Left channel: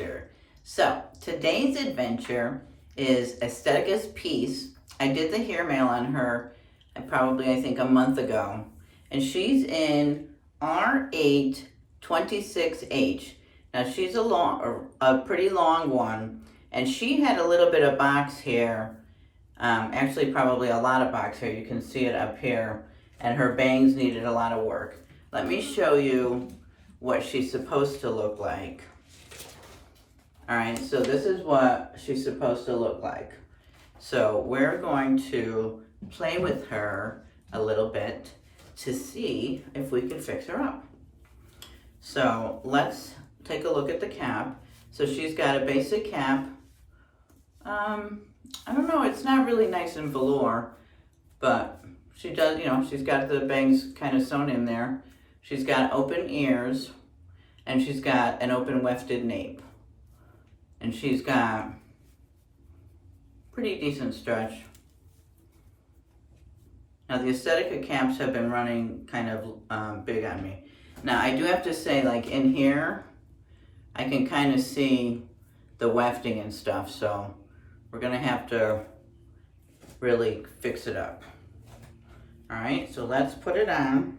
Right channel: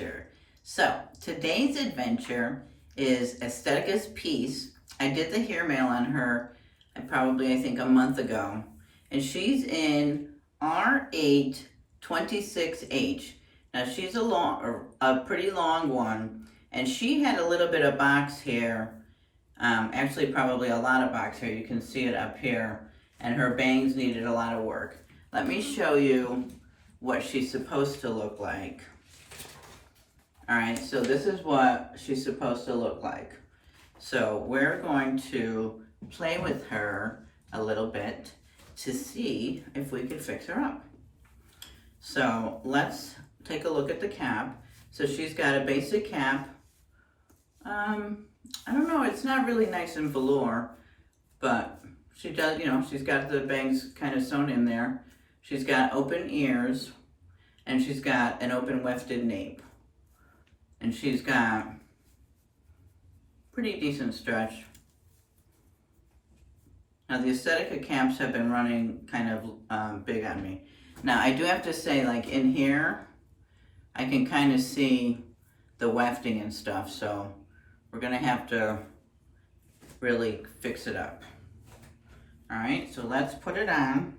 adventure. So today's adventure is Estetica Peace. I did the hair mail on her I think a month ago, and she's in R8 26H. Now she's a pretty long one, and she had a little bit of box hair, actually probably a lot of box hair. You can see it up here, and her bangs needed a lot of work. Let me show you what she's supposed to look like. All right, so this is what she's supposed to look like. So we're going to play with her a little bit to see if we can fix her up. So let's take a look at the cap. So she's got a basic cap. I don't know, it's not really nice and velour, but she does, you know, she's got the bangs kind of sewn in there. She's got open ears, and she's got an open wefted nape. And she's got pretty decent stretch. Now the Estetica caps have been running kind of big on me. Now I do have to say, like in here, I can kind of see the wefting and stuff, so we're gonna have to really fix it up. All right, so let's put it on.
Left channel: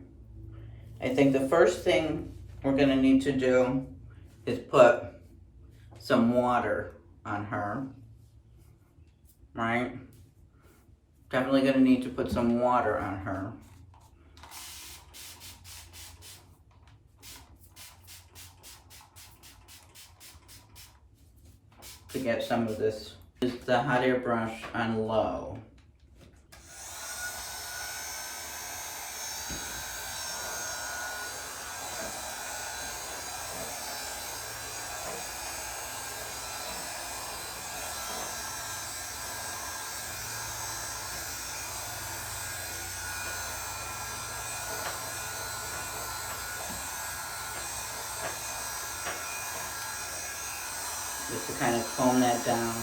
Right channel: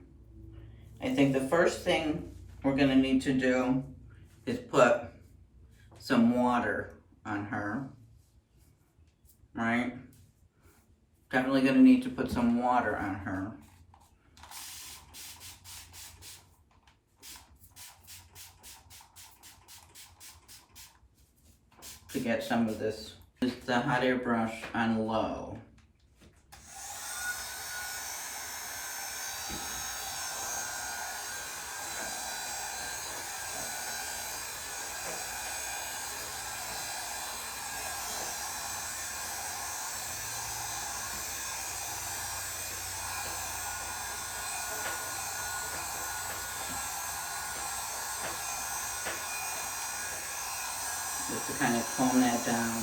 I think the first thing we're gonna need to do is put some water on her, right? Definitely gonna need to put some water on her. To get some of this. This is the hot air brush on low. Just to kind of comb that down.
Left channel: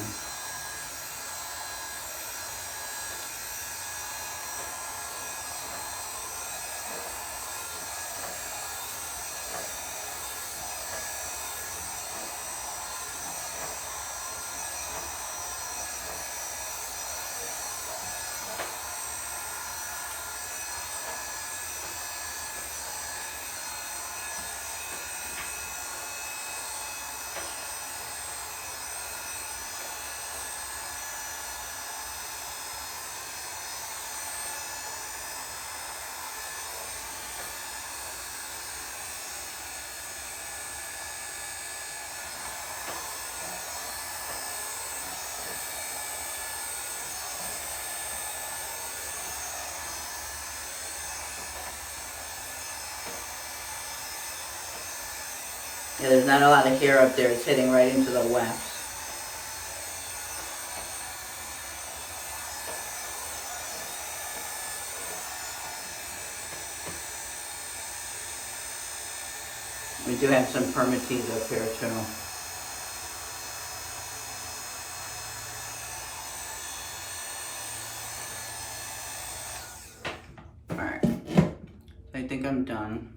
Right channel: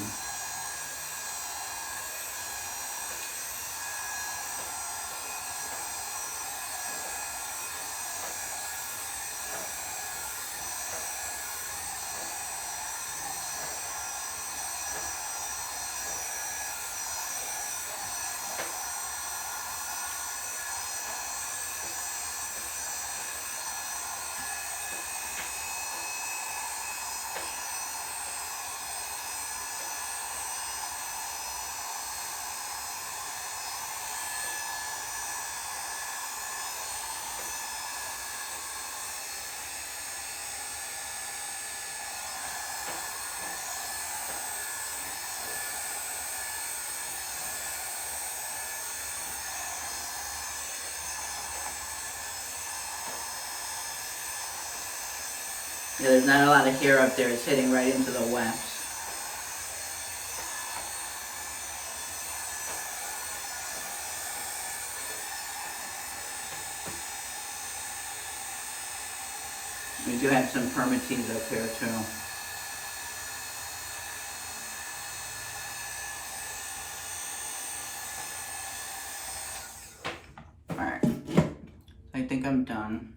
Yeah, there's not a lot of hair up there. It's hitting right into the wefts. We do have some permatease up here too. Alright, I think I'm done.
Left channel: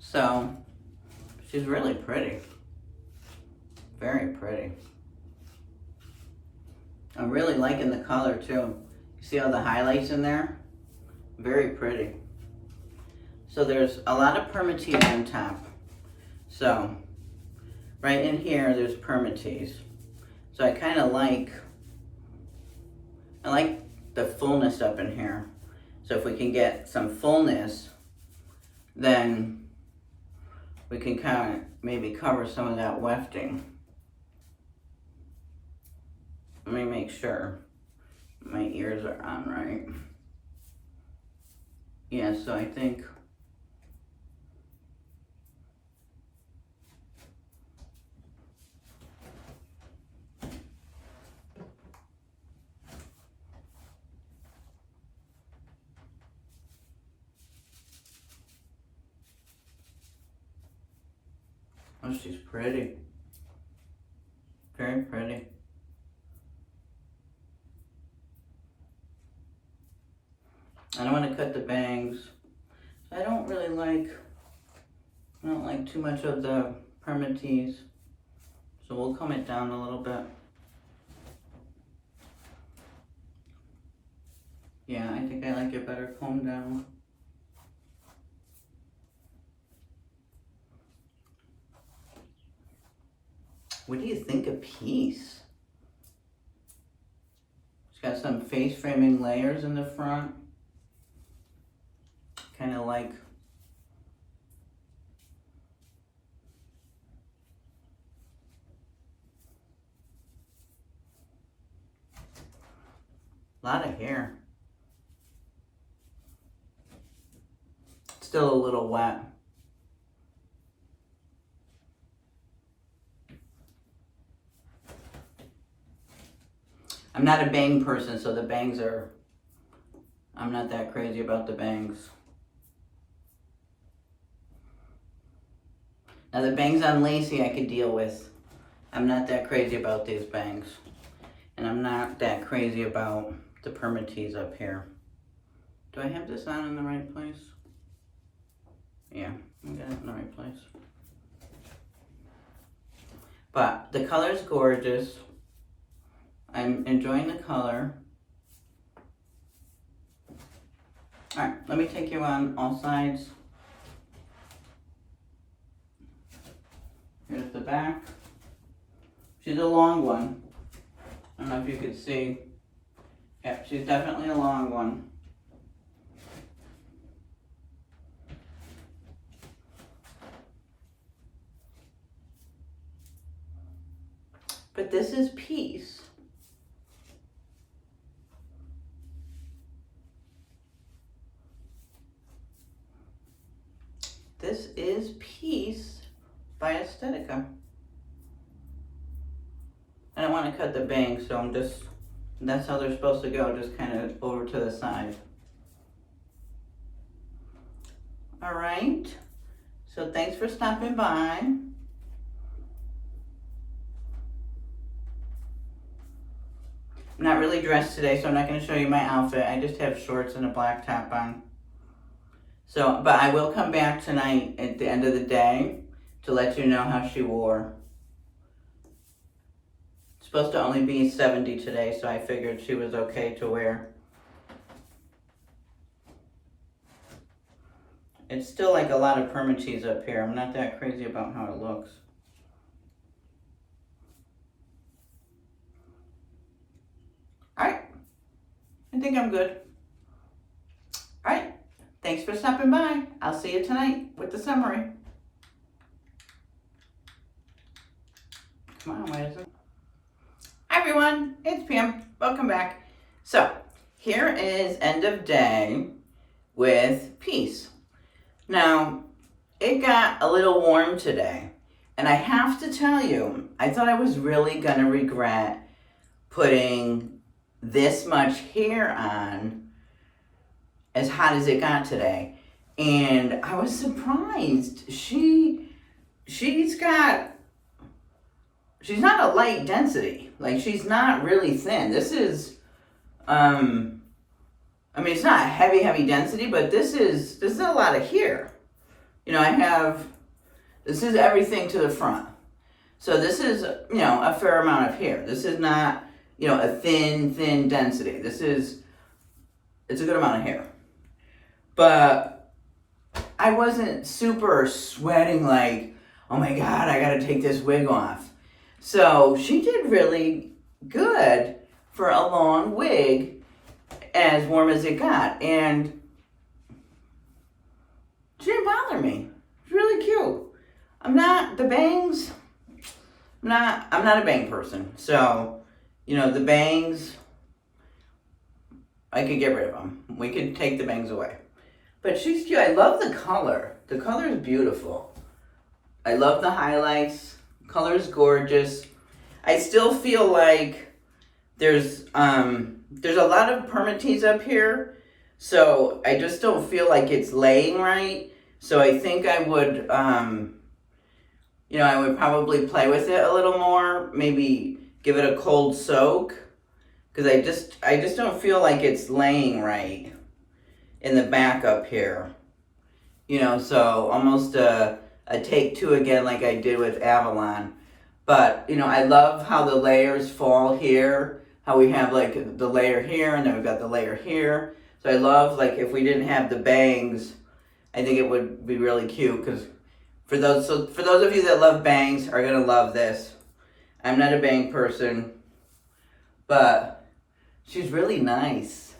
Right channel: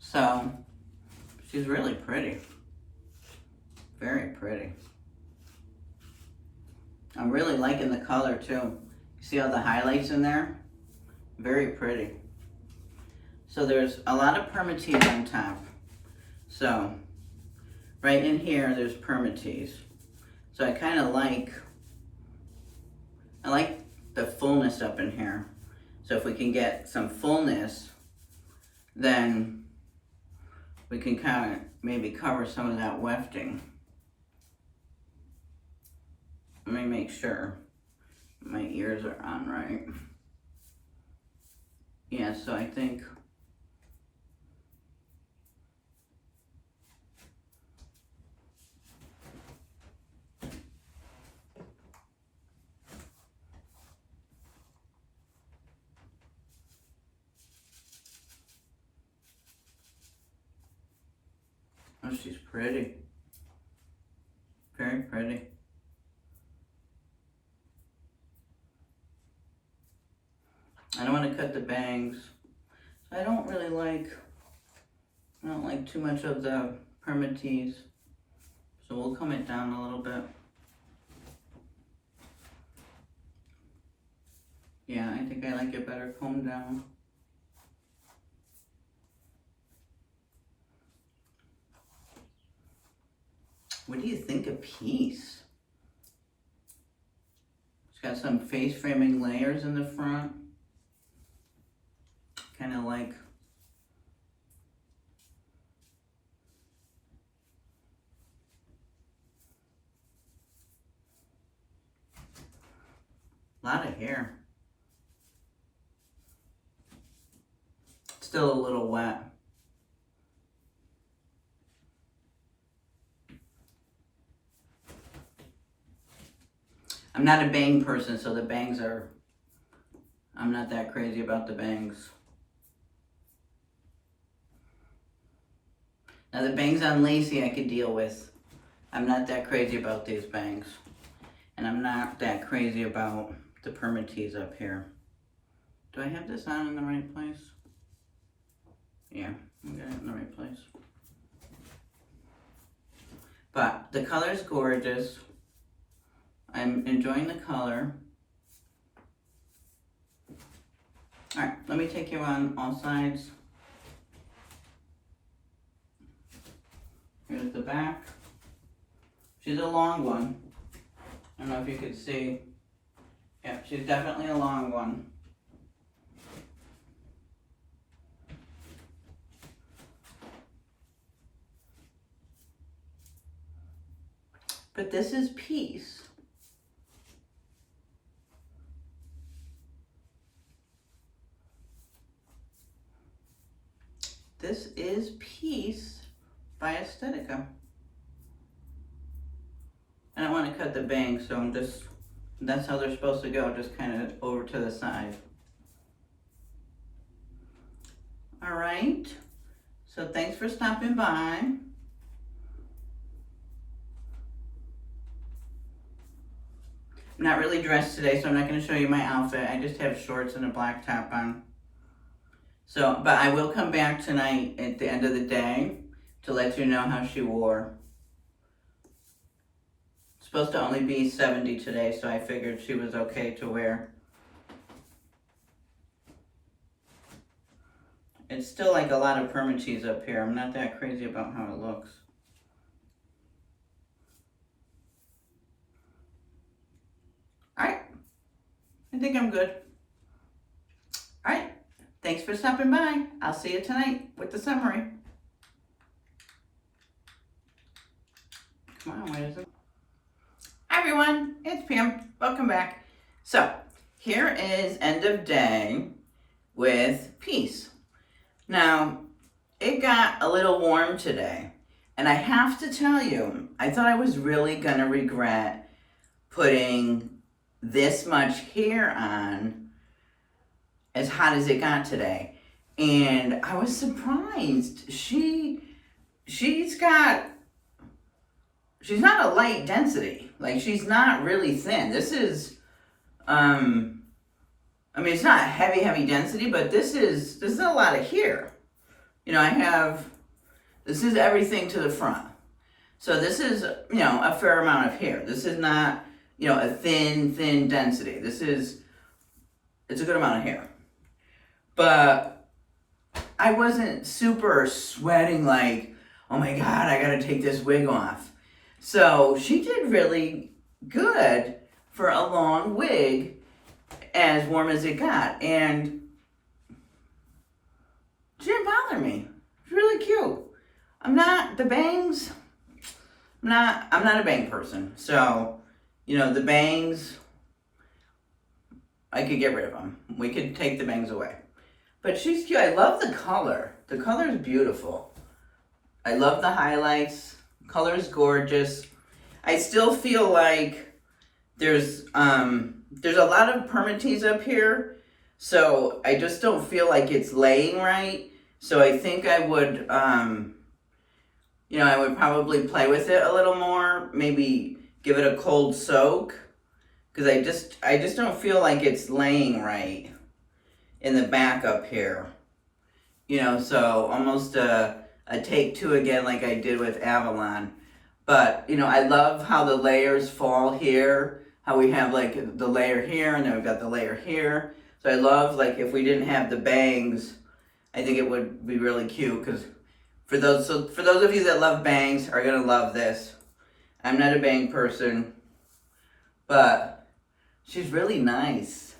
So, she's really pretty. Very pretty. I'm really liking the color too. You see all the highlights in there? Very pretty. So there's a lot of permatease on top. So, right in here, there's permatease. So I kind of like the fullness up in here. So if we can get some fullness, then we can kind of maybe cover some of that wefting. Let me make sure my ears are on right. Yeah, so I think oh, she's pretty. Very pretty. I don't want to cut the bangs. I don't like too much of the permatease. So we'll comb it down a little bit. Yeah, I think I like it better combed down. What do you think of Peace? It's got some face framing layers in the front. Kind of like a lot of hair. Still a little wet. I'm not a bang person, so the bangs are, I'm not that crazy about the bangs. Now the bangs on Lacey I could deal with. I'm not that crazy about these bangs. And I'm not that crazy about the permatease up here. Do I have this on in the right place? Yeah, I got it in the right place. But the color's gorgeous. I'm enjoying the color. All right, let me take you on all sides. Here's the back. She's a long one. I don't know if you could see. Yeah, she's definitely a long one. But this is Peace. This is Peace by Estetica. I don't want to cut the bangs, so I'm just, that's how they're supposed to go, just kind of over to the side. All right, so thanks for stopping by. I'm not really dressed today, so I'm not going to show you my outfit. I just have shorts and a black top on. So, but I will come back tonight at the end of the day to let you know how she wore. It's supposed to only be 70 today, so I figured she was okay to wear. It's still like a lot of permatease up here. I'm not that crazy about how it looks. Alright, I think I'm good. Alright, thanks for stopping by. I'll see you tonight with the summary. Come on, why is it? Hi everyone, it's Pam. Welcome back. So, here is end of day with Peace. Now, it got a little warm today, and I have to tell you, I thought I was really gonna regret putting this much hair on as hot as it got today. And I was surprised. She's not a light density. Like, she's not really thin. This is, I mean, it's not heavy density, but this is a lot of hair. You know, this is everything to the front. So this is, you know, a fair amount of hair. This is not, you know, a thin density. It's a good amount of hair. But I wasn't super sweating like, oh my God, I gotta take this wig off. So she did really good for a long wig, as warm as it got. And she didn't bother me. It's really cute. I'm not a bang person. So, you know, the bangs, I could get rid of them. We could take the bangs away. But she's cute. I love the color. The color is beautiful. I love the highlights. Color is gorgeous. I still feel like there's a lot of permatease up here, so I just don't feel like it's laying right. So I think I would, you know, I would probably play with it a little more. Maybe give it a cold soak, because I just don't feel like it's laying right in the back up here. You know, so almost a a take two again like I did with Avalon. But, you know, I love how the layers fall here, how we have like the layer here and then we've got the layer here. So I love, like, if we didn't have the bangs, I think it would be really cute, because for those of you that love bangs are gonna love this. I'm not a bang person, but she's really nice.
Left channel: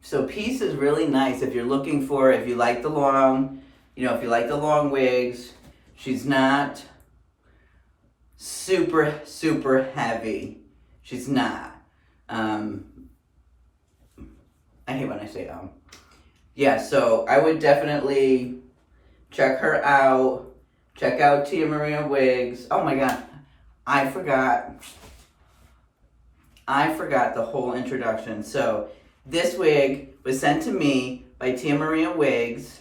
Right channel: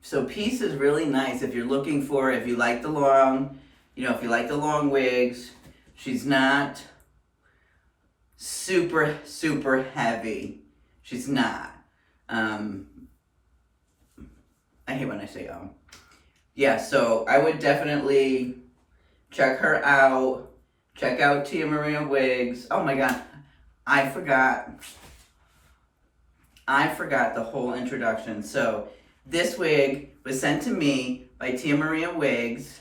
So Peace is really nice if you're looking for, if you like the long, you know, if you like the long wigs. She's not super, super heavy. She's not. I hate when I say Yeah, so I would definitely check her out. Check out Tia Maria Wigs. Oh my God, I forgot the whole introduction. So this wig was sent to me by Tia Maria Wigs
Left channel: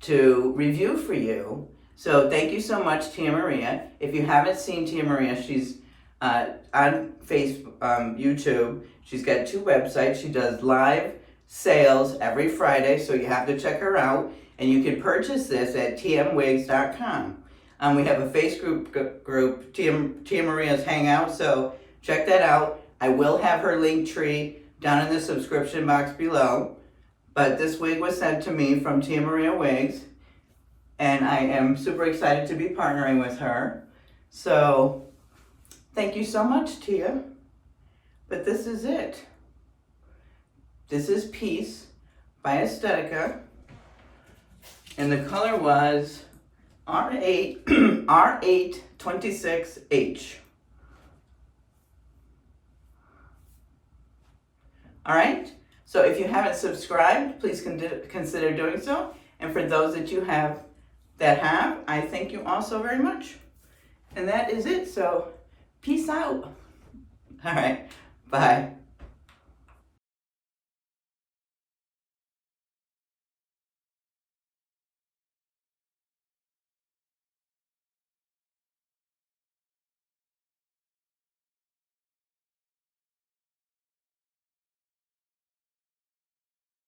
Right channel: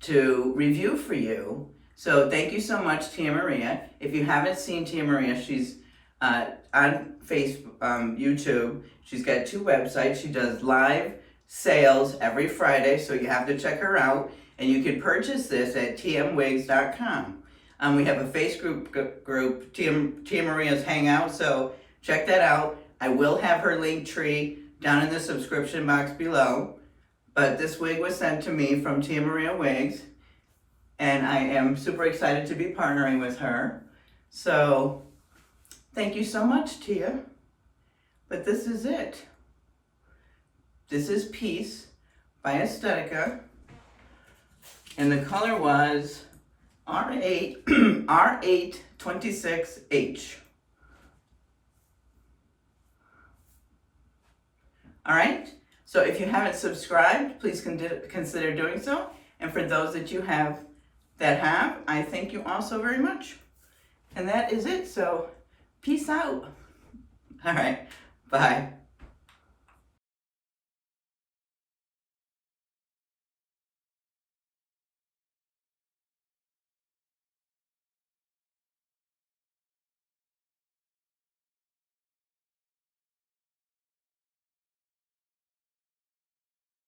to review for you. So thank you so much, Tia Maria. If you haven't seen Tia Maria, she's on Facebook, YouTube. She's got 2 websites. She does live sales every Friday, so you have to check her out. And you can purchase this at tmwigs.com. We have a Facebook group, Tia Maria's Hangout, so check that out. I will have her link tree down in the subscription box below. But this wig was sent to me from Tia Maria Wigs, and I am super excited to be partnering with her. So thank you so much, Tia. But this is it. This is Peace by Estetica. And the color was R8, R826H. All right, so if you haven't subscribed, please consider doing so. And for those that you have, I thank you all so very much. And that is it, so peace out. All right, bye.